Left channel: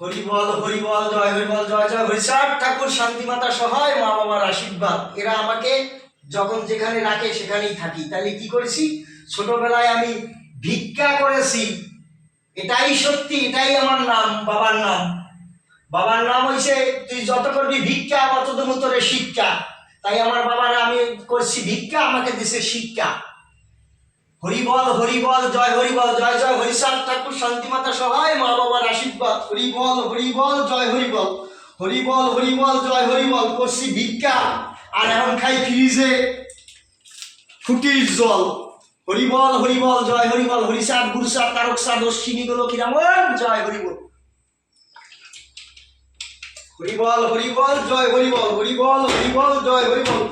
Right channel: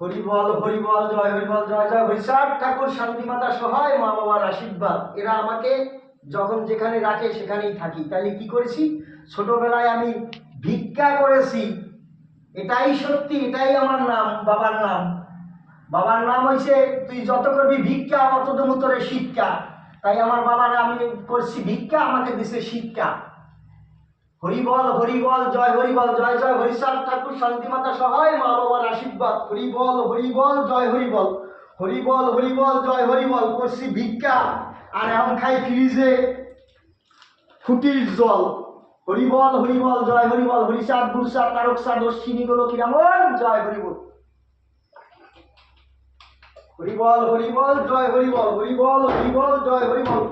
হরিবল হরিবল জয় হরিবল জয় জয় হরিচাঁদ ঠাকুর, শান্তিমাতা সহায়, মা বাবার আশীর্বাদ। এরা আমাকে যখন যেখানে রাখে সেখানেই থাকি। তাইলে কি করেছি, ছোটবেলায় আমি ভিক্ষা করেছি, এটাই সত্যি, এটাই আমার নাম, বাবার নাম। বাবার নাম হইছে তুই যত করবি ভিক্ষা অত দেবো তোরে শিক্ষা। তাই আমার বাবার আমি করছি ভিক্ষা, আমাকে দিছে শিক্ষা। হরিবল হরিবল জয় হরিবল জয় জয় হরিচাঁদ ঠাকুর, শান্তিমাতা সহায়, মা বাবার আশীর্বাদ। হরিবল হরিবল জয় হরিবল, হরিবল হরিবল জয় হরিবল। করছি ভিক্ষা আর এখন খাই ফ্রিজে ফুটির জল। হরিবল হরিবল জয় হরিবল, হরিচাঁদ গুরুচাঁদ তারকচাঁদ অশ্বিনী গোলকী রামন জয় হরিবল। হরিবল হরিবল জয় হরিবল, হরিবল হরিবল জয় হরিবল,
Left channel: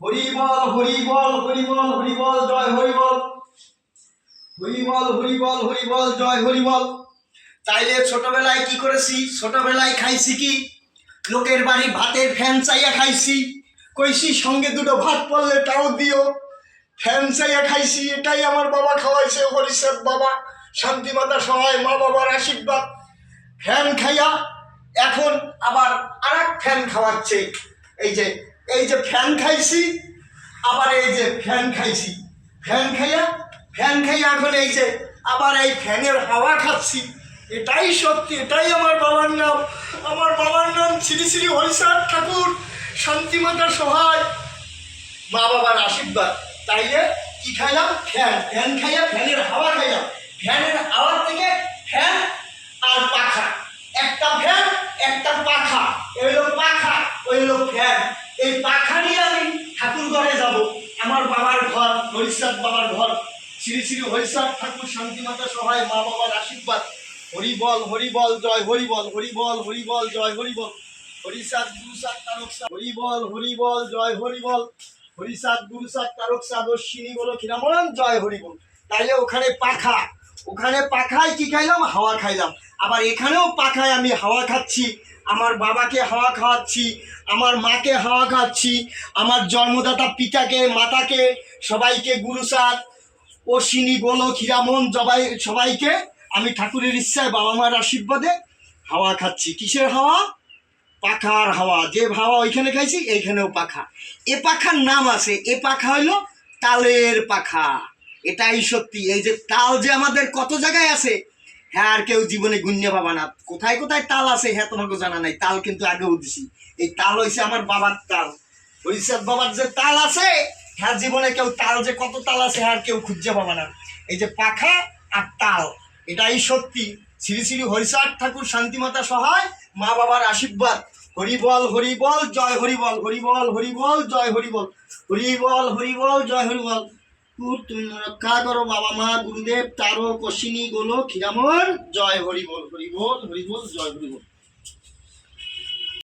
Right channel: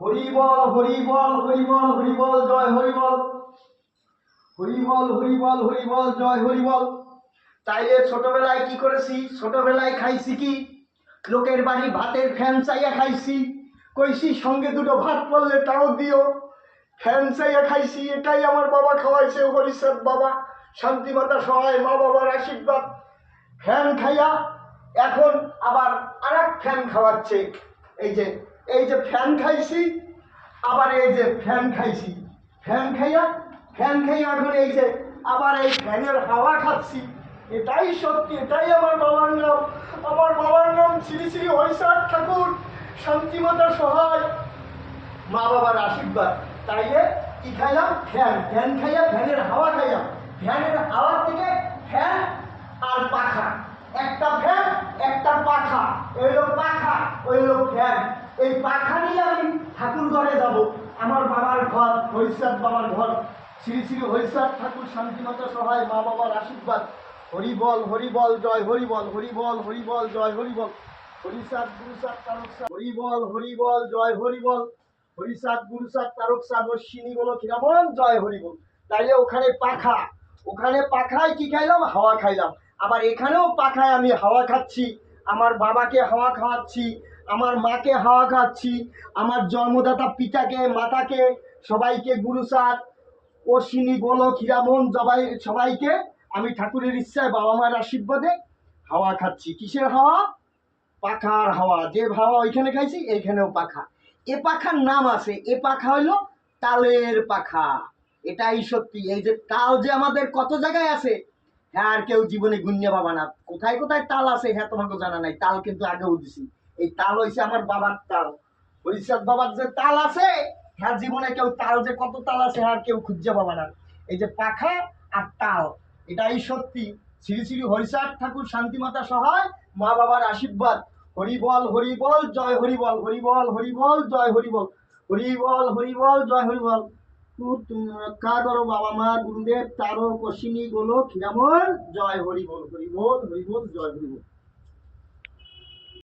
হরিবল হরিবল হরিবল হরিবল জয় হরিবল, হরিবল হরিবল হরিবল জয় হরিবল। তাইলে ছোটবেলায় কি করেছি, ছোটবেলায় খাইছি কি, লোকের বাড়ি ভাতের ফ্যান চাইয়া খাইছি, কইছি সঙ্গে দুটো ভাত পড়লে তাও দিও, ফ্যান চাইয়া খাইছি। এটাই আমার বাবা খাওয়াইছে, হরিচাঁদ বাবা, শান্তিমাতা সহায়, মা বাবার আশীর্বাদ। ফ্যান খাইয়া এখন আবার আর এক ফ্যান খাওয়াচ্ছে। এই যে ফ্যান খাইছি, আবার এই যে ফ্যান খাইছি, ফ্যান খাইয়া এখন এই যে আবার এই ফ্যানের হাওয়া খাচ্ছি। এটাই সত্যি, এটাই আমার বাবার নাম। আমার বাবার নাম শ্রী শ্রী হরিচাঁদ ঠাকুর, শান্তিমাতা সহায়, মা বাবার আশীর্বাদ। তাইলে কি খাইলাম, ফ্যান খাইয়া ফ্যানের হাওয়া খাইলাম। ফ্যানের হাওয়ার থেকে ফ্যান আর পাখা, একটা ফ্যান একটা পাখা, ওই হলো পাখা ওই হলো ফ্যান। এই পাখা নিয়ে আমি ঠাকুর ঘরে যাব, আমার বাবার ঘর, হরিচাঁদ বাবার ঘর। শ্রী শ্রী হরিচাঁদ ঠাকুর, শান্তিমাতা সহায়, মা বাবার আশীর্বাদ। হরিবল হরিবল জয় হরিবল, হরিবল হরিবল জয় হরিবল, হরিচাঁদ গুরুচাঁদ তারকচাঁদ। হরিবল হরিবল জয় হরিবল, হরিচাঁদ গুরুচাঁদ তারকচাঁদ অশ্বিনী গোলকী রামন জয় হরিবল। তাইলে ওখানে পাখা, ওখানে পাখায় কি খাইলাম, হাওয়া খাইলাম। আবার এখানেও পাখায় আমি হাওয়া খাচ্ছি, আমার বাবাকে হাওয়া খাওয়াচ্ছি, আমার মাকে হাওয়া খাচ্ছি, আমার জন্মদাতা পিতাকে মাতাকে সবাইকে গুরুচাঁদ অশ্বিনী গোলকী রামন সবাইকে আমি ঠাকুরের ইচ্ছায় বাবা মায়ের আশীর্বাদে হাওয়া খাচ্ছি। কিসের হাওয়া, পাখার হাওয়া। যে হাওয়া ওইখানে খাইছি এইখানেও পাখা। এ পাখার নাম আছে, এ পাখা হইলো তালের পাখা। এটাই সত্যি। এই যে তাল যে আমাদের কত জায়গায় আছে, হ্যাঁ আর কেউ জীবনে গুণ্য পাবা না। কোথায় কোথায় তাল আছে হ্যাঁ তোমাকে জানা নাই, তাল কিন্তু আগেও দিছি। এই তাল হয়েছে আমার বাবার তাল, হরিচাঁদ বাবার যে তাল আছে, হ্যাঁ জীবনে কেউ তাল যে কত তাল আছে হ্যাঁ কেউ খুঁজে পাবা না। এই যে পাখা আর তাল, এটাই সত্যি। শ্রী শ্রী হরিচাঁদ ঠাকুর, শান্তিমাতা সহায়, মা বাবার আশীর্বাদ। হরিবল হরিবল জয় হরিবল, হরিবল হরিবল জয় হরিবল, হরিবল হরিবল জয় হরিবল। তুমি রক্ষা করো বাবা মা গুরুদেব তারক অশ্বিনী গোলকী রামন জয় হরিবল, হরিবল হরিবল জয় হরিবল।